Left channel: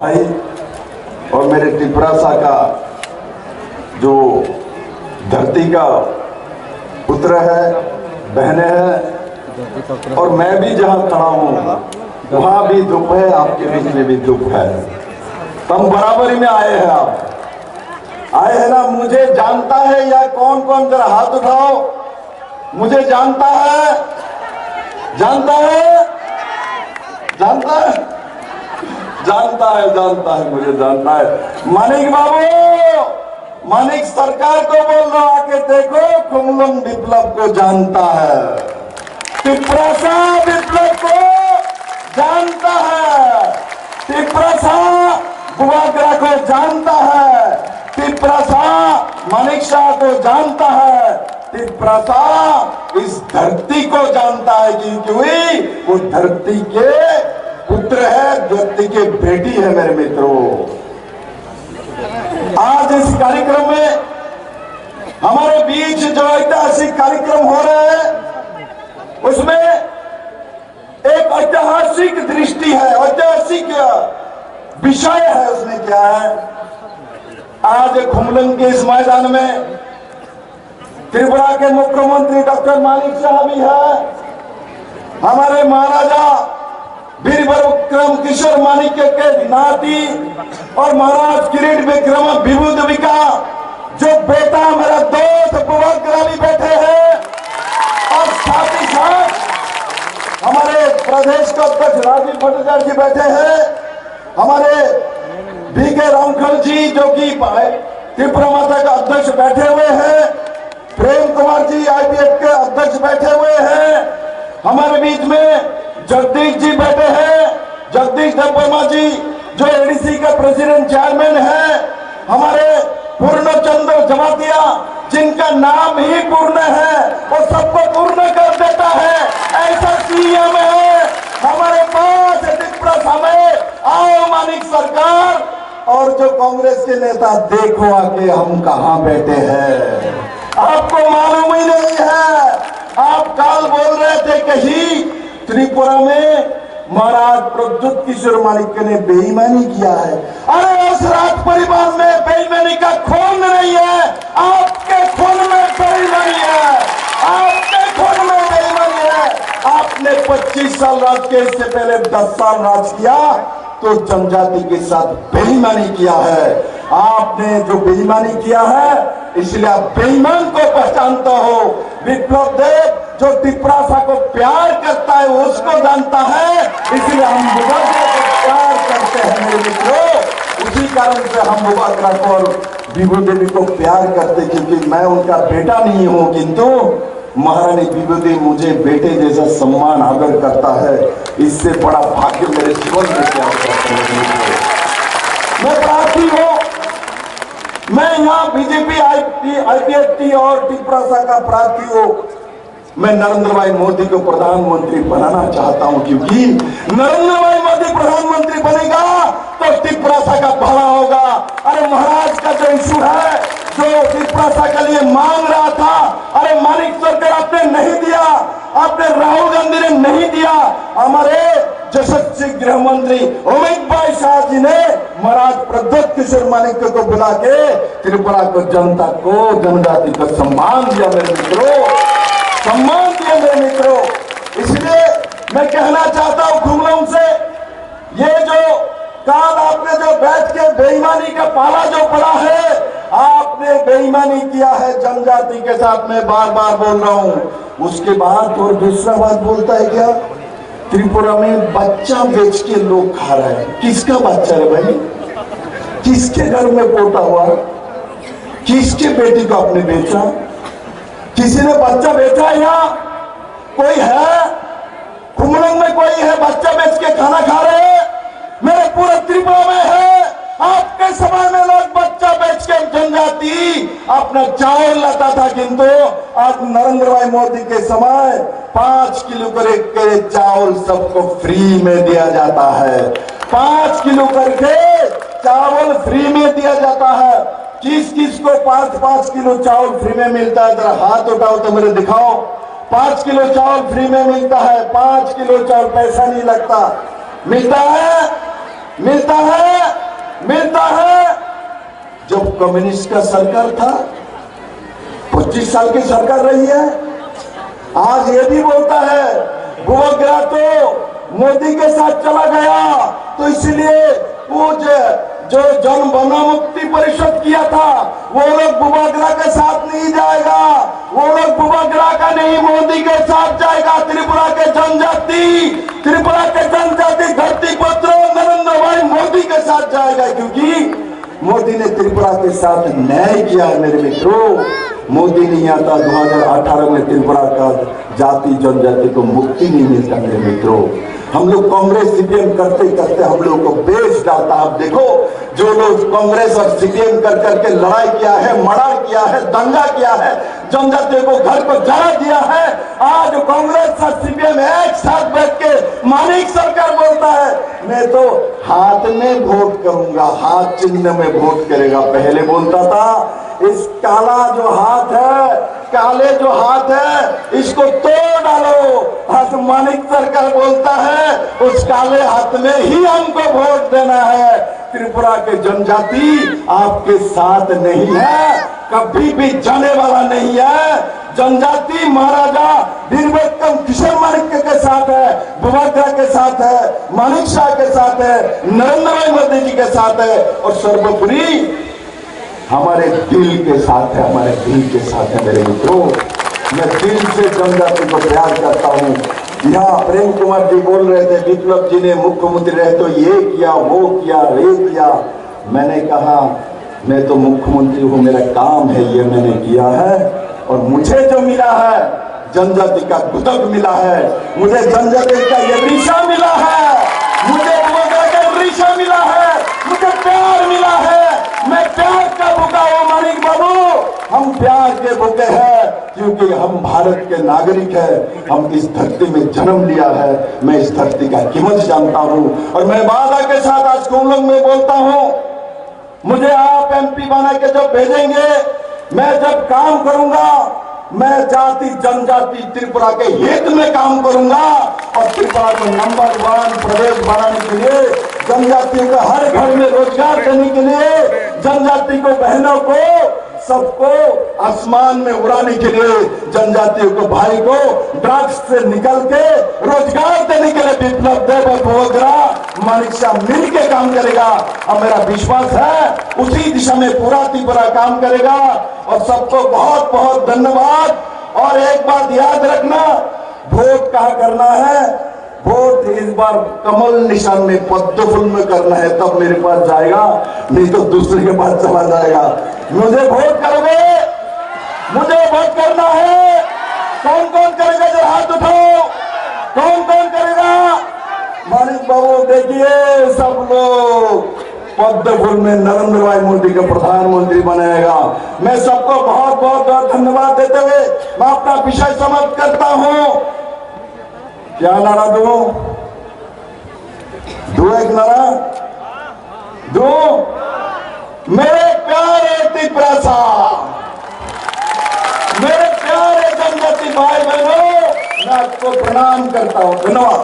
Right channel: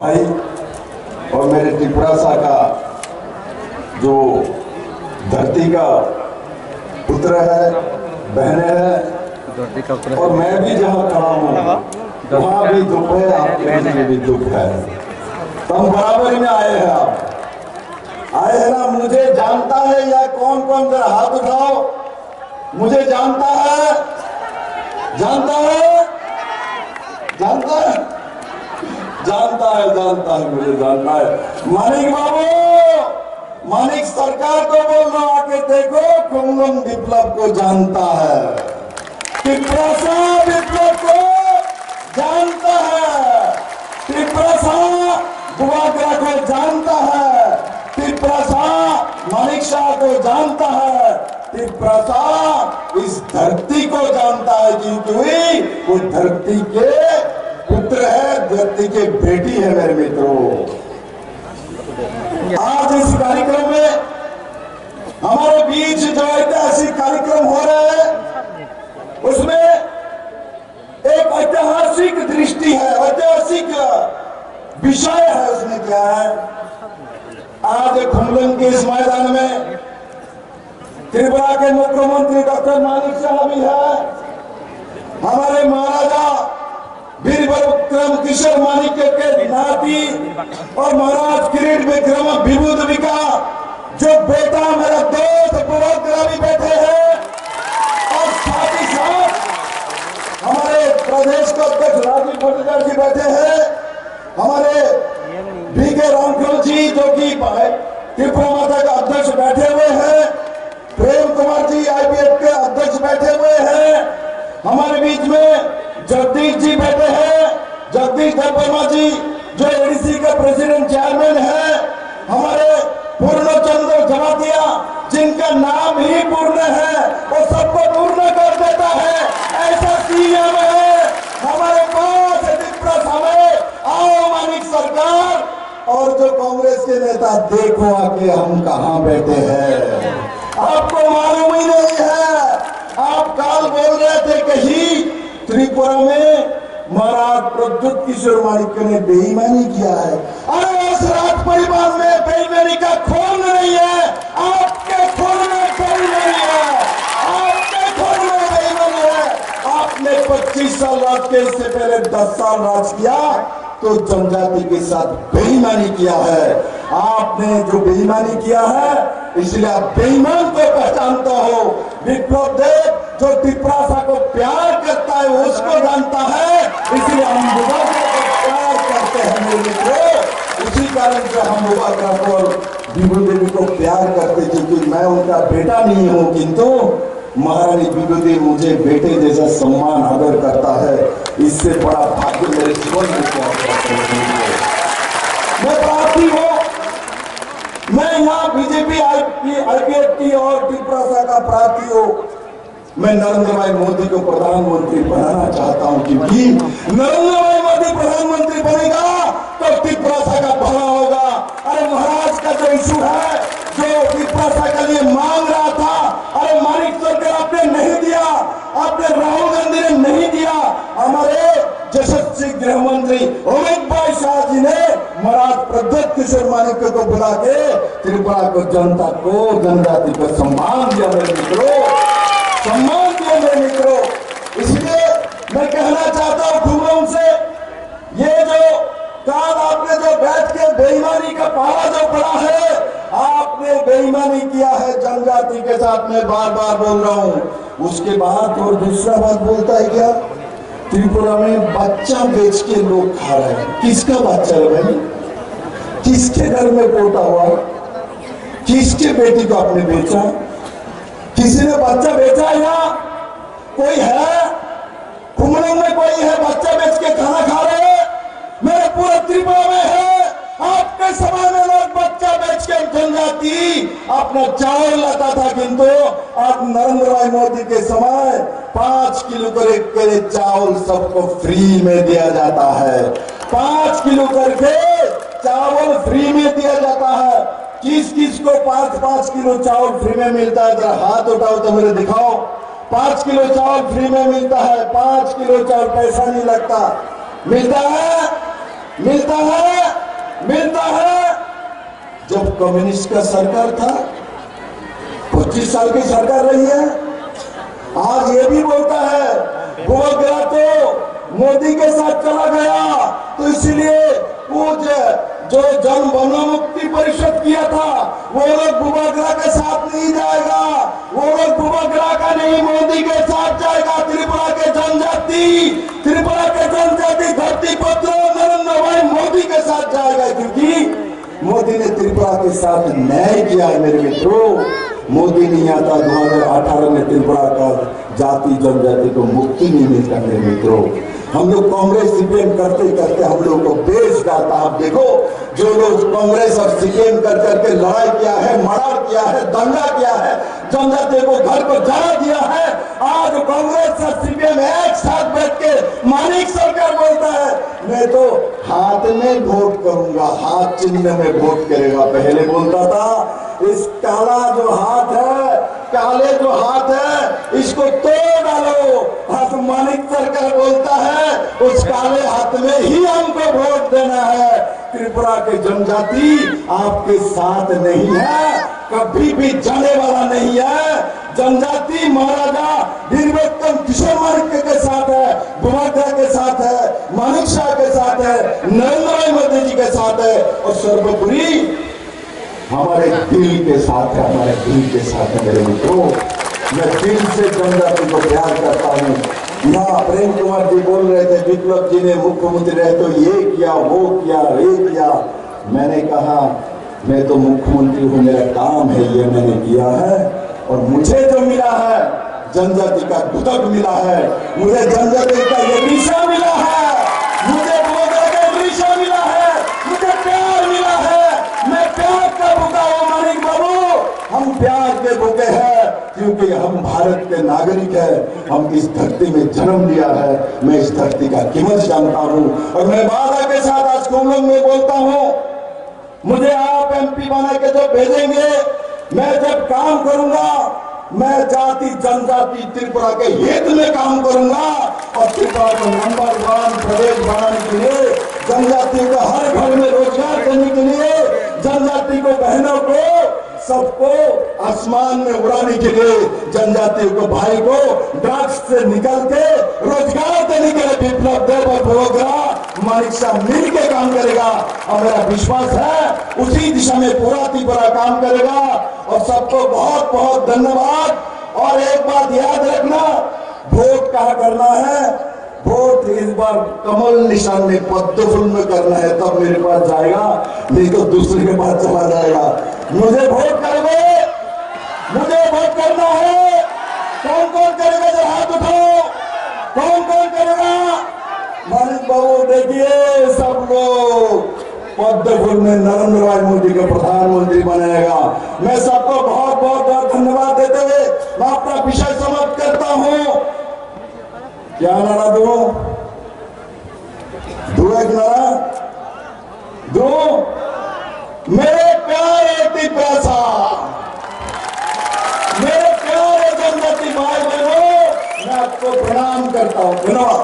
भाई और मेरे टिपरासा का जो धरती का पुत्र है, बहने हैं, और मैं भी जहाँ खड़ा हूँ वहाँ भी दुख है, आपके बीच में भी दुख है। तो हम बराबरी में आए हैं। आप आए हैं ना? मुझे जानता है या कौन कौन, जरा हाथ उठाओ। मुझे जानता है, जानता है, जानता है, जानता है, जानता है, मुझे जानता है। मानिक बाबू, मानिक सरकार को बोल रहा, आके देखो, कुमलम विप्लव को जानता है, टिपरासा विप्लव को जानता है, टिपरासा बुआगरा को जानता है, टिपरासा मानिक शाह को जानता है, टिपरासा इस धरती को जानता है, क्योंकि वो धरती के पुत्र है, धरती के बेटी है। मेरे मित्रों, आज इस कार्यक्रम में हमारे बीच जो ऐतिहासिक कार्यक्रम हो रहे हैं, उसमें एक ऐतिहासिक दृष्टि है, ऐतिहासिक विषय है। उसमें क्या है? आज खुमलंग के इस मैदान में त्रिपुरा के मुख्यमंत्री डॉक्टर मानिक शाह भी है, हमारे महाराजा वीर विक्रम किशोर मानिक्य के नाती और महाराज किरीट विक्रम विभूतिका जो बेटा, मेरा दोस्त बुआगरा भी बैठे हैं, और साथ ही साथ हमारे प्रदेश के अध्यक्ष राजीव भट्टाचार्य जी बैठे हैं, हमारे बीके रामखल जी जो कि त्रिपुरा माता के अध्यक्ष बैठे हुए हैं, प्रेम कुमार जी IPF के अध्यक्ष बैठे हुए हैं, हमारे बीच में जगदीश जी बैठे हैं, जगदीश वर्मा जी जो ADC का प्रेसिडेंट चेयरमैन है, हमारे पूर्णचंद्र जमातिया जिनका नाम ही पूर्ण है, वो सबको पूर्ण कर देता है, ऐसा CM है हमारे पास त्रिपुरा में। आओ मानिक सरकार और जो कांग्रेस के नेता, देखो आके हम कहां बैठे हैं, आपको मालूम ही नहीं है। आप काल बोल रहे थे कहीं त्रिपुरा में महाराज प्रद्युत किशोर मानिक्य ने बेईमानी किया है। अरे उस राज परिवार में बेईमानी का खून नहीं है, आपके खून में बेईमानी है, आपके खून में बेईमानी है। आपने 25 साल राज किया, इससे पहले 10 साल राज किया, तो जनजाति के साथ बेईमानी किया है। आपने जो बेईमानी किया है, इसलिए आप बेईमान को पहचानता हो। विप्लव देव जो टिपरासा को प्यार करता है, उसको जानता है, इसलिए हम बुआगरा को प्यार करते हैं। मेरे मित्रों, उसी कारण से हम बुआगरा को और विभूदेवी को प्यार करते, क्योंकि मैं उनका बेटा नहीं हूं, किंतु महारानी विभूदेवी मुझे बेटे जैसा सम्मान आदर करता है। इससे बड़ा भाग्य मेरे जीवन में क्या है। मैं प्रार्थी हूं, मैं यहाँ BJP IPFT और टिपरासा का प्रार्थी हूं। मैं नरेंद्र भाई मोदी को प्रधानमंत्री बनाना चाहता हूं, क्योंकि नरेंद्र भाई मोदी प्रधानमंत्री बनेगा तो टिपरासा का भला होगा। अरे महाराज का जो इशू है, जो टिपरासा के लिए मांग रहा था, अरे मानिक सरकार आपने नहीं दिया, आपने राहुल गांधी ने नहीं दिया, हमारे यशस्वी गृह मंत्री अमित भाई शाह जी ने महाराज प्रद्युत किशोर मानिक्य को बुला के त्रिपुरा को, जनता को, जनजाति को सम्मान दिया। मेरे मित्रों, सम्मान दिया मेरे मित्रों। इसलिए मैं कहना चाहता हूं खुमलम से, ये जो काल आपने जो बैठ के बेईमानी का पाला जो पड़ा है, आपने बेईमानी किया है जनजाति के साथ। मैं बार बार बोल रहा हूं। उसके बाद और दूसरा बात बोलता है क्या? त्रिपुरा में बच्चा बेच के लोग खा रहे हैं। किसका बच्चा है भाई? किसके घर में पोता हुआ? किसके बेटी को आपने बेचा? किसी ने बच्चा बेचा? यहाँ कोई है? खुमलंग में कोई है बच्चा बेच के खाना खा रहे हैं? मेरे पूरे त्रिपुरा में है। आपके समय में लोग बच्चा बेच के जनजाति अपना चावल लाता था, किंतु आज नरेंद्र भाई मोदी के समय 5 किलो करके चावल सबको फ्री में दिया जाता है। 5 किलो करके चावल फ्री में दिया जाता है। किस किस को 5-5 किलो चावल फ्री में मिलता है? जरा हाथ उठाओ तो मेरे दिखाओ। 5 किलो चावल फ्री में मिलता है। 5 किलो चावल पैसा नहीं लगता। मिलता है, मिलता है। जब कम्युनिस्ट का सरकार था, 25 साल की सरकार रही है। आज ये भी बोलता है बुआग्रा तो मोदी के साथ चला गया, तो इसलिए वो जो जन मुक्ति परिषद किया था वो लोग बुआग्रा के साथ नहीं जाएगा, वो लोग बुआग्रा का नहीं मोदी के साथ जाएगा। त्रिपुरा के जनजाति धरती पुत्र नरेंद्र भाई मोदी के साथ जाएगा, क्योंकि मोदी ने त्रिपुरा के साथ न्याय किया है। मेरे मित्रों, मोदी नहीं आता 2018 में त्रिपुरा का जाति जनजाति को मुक्ति नहीं मिलता। मेरे मित्रों, हम लोग कांग्रेस सीपीएम करते करते हम लोग को बेच डालता। आप देखो, जो लोग कांग्रेस और सीपीएम कर करके लड़ाई किया है, मर्डर किया है, दंगा किया है, जनजाति को घर को जला दिया है, आज कांग्रेस और सीपीएम एक साथ बैठ के मानिक सरकार बोलता है मैं तो हाथ में वोट करूंगा, हाथ चिन्ह में वोट करेगा। पहले बोलता था इस काला जो हाथ है, काले जो हाथ है, इसको तोड़ डालो। आज मानिक सरकार बोलता है उस काले हाथ में ही हमको वोट देना है। त्रिपुरा के जनजाति आपके साथ नहीं है, कभी भी जाने वाला नहीं है। जनजाति महाराजा वीरविक्रम किशोर मानिक के साथ है, बुआग्रा के साथ है, मानिक शाह के साथ है, नरेंद्र भाई मोदी जी के साथ है, और सर्वोपरि हमारे दिल के साथ है, हमारे दिल के साथ है। मेरे मित्रों, मैं दिल से जनजाति को प्यार करता हूँ। यहाँ प्रेम कुमार जी बोल रहे थे विप्लव जी ने मुख्यमंत्री रहे तो ये किया, वो किया, ये किया। मैंने कहा मैं तो मुख्यमंत्री हूँ, मेरा काम है, ये मैंने किया है। और मुझे जो मिला है जनजाति का गुदक मिला है, मुझे जनजाति का ये रिशा मिला है, मुझे बुआग्रा का रिशा मिला है, मुझे प्यार मिला है। मैं प्यार का भूखा हूँ मानिक बाबू, हम प्यार के भूखे हैं क्योंकि हम भारत के नागरिक हैं। हम इस धरती में जन्म लिया है, मैं इस धरती का कीमत जानता हूँ। और मैं वादा के साथ आज कुंभ में बोलता हूँ, मुझे आप एमपी बना के जो भेजेंगे, मैं जब काम करूंगा मैं जाति जनजाति त्रिपुरा के हित में काम करूंगा। और त्रिपुरा को नंबर 1 प्रदेश बनाने के लिए, जनजातियों को हर घर में रोजगार देने के लिए, जनजाति को बहनों को सबको आसमान में उड़ाने के लिए, जनजातियों को भाई को ड्रग्स से निकल के रोजगार देने के लिए विप्लव देव और बुआग्रा मानिक शाह मिल के काम करेगा। और मेरा विश्वास है उसी दिशा में पूरा त्रिपुरा काम करेगा। और सबको बहुत बहुत धन्यवाद। और एक बात याद रखना, वोट कहाँ करना है, वोट इस बार कमल निशान में पद्म फूल में करना है, तब मेरे पास जाएगा, नहीं तो दूसरे के पास चला जाएगा। मुझे वोट करोगे, मुझे वोट करना है। कौन कौन करेगा जो हाथ उठाओ, कौन कौन करेगा। मानिक बाबू देखिए, सब लोग पद्म फूल में नरेंद्र भाई मोदी को प्रधानमंत्री बनाएगा। मैं सबको बहुत बहुत धन्यवाद देते हुए मैं अपना विषय समाप्त करता हूँ। क्या नारा दो एक नारा दो, मेरे प्यारे त्रिपुरा, मेरे प्यारे जनजाति भाई बहनों, मैं आपको प्रणाम करता हूँ। धन्यवाद।